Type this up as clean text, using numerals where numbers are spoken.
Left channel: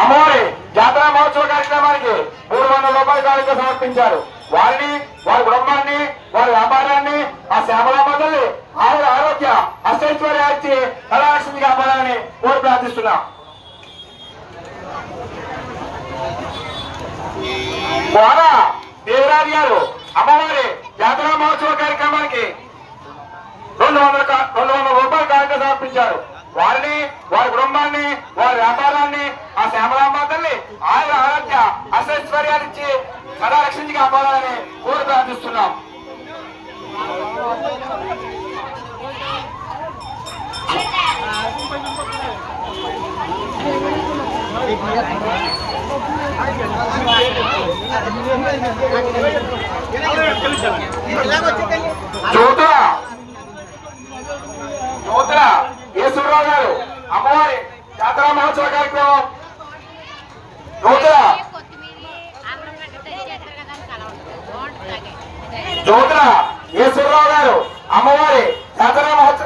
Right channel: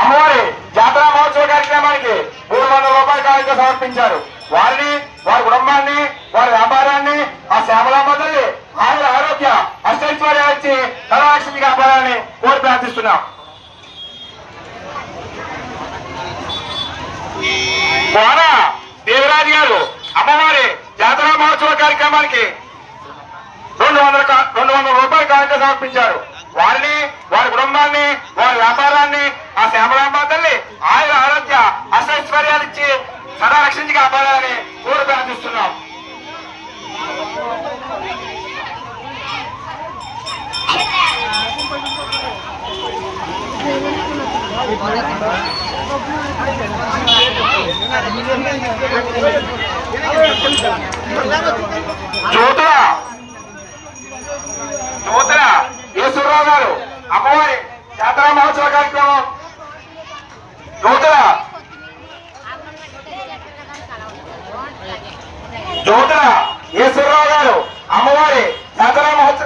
అమ్మవారి జాతర మహోత్సవ కార్యక్రమానికి 300 రూపాయల కానుక సమర్పించారు. వారిని, వారి కుటుంబాన్ని, వారి వ్యాపారాన్ని ఆ శ్యామలాంబ తల్లి ఆయుర ఆరోగ్య అష్టైశ్వర్యాలు ఇచ్చి కళాలక్ష్మి కాపాడాలని కోరి ప్రార్థిస్తున్నాం. ద్వారా దేవరాజు గారు అమ్మవారి జాతర మహోత్సవ కార్యక్రమానికి 200 రూపాయల కానుక సమర్పించారు. వారిని, వారి కుటుంబాన్ని, వారి వ్యాపారాన్ని ఆ శ్యామలాంబ తల్లి ఆయుర ఆరోగ్య అష్టైశ్వర్యాలు ఇచ్చి సదా రక్షించి కాపాడాలని కోరి ప్రార్థిస్తున్నాం. జ్యోతుల ఈశ్వరరావు గారు అమ్మవారి జాతర మహోత్సవ కార్యక్రమం జ్యోతుల ఈశ్వరరావు గారు అమ్మవారి జాతర మహోత్సవ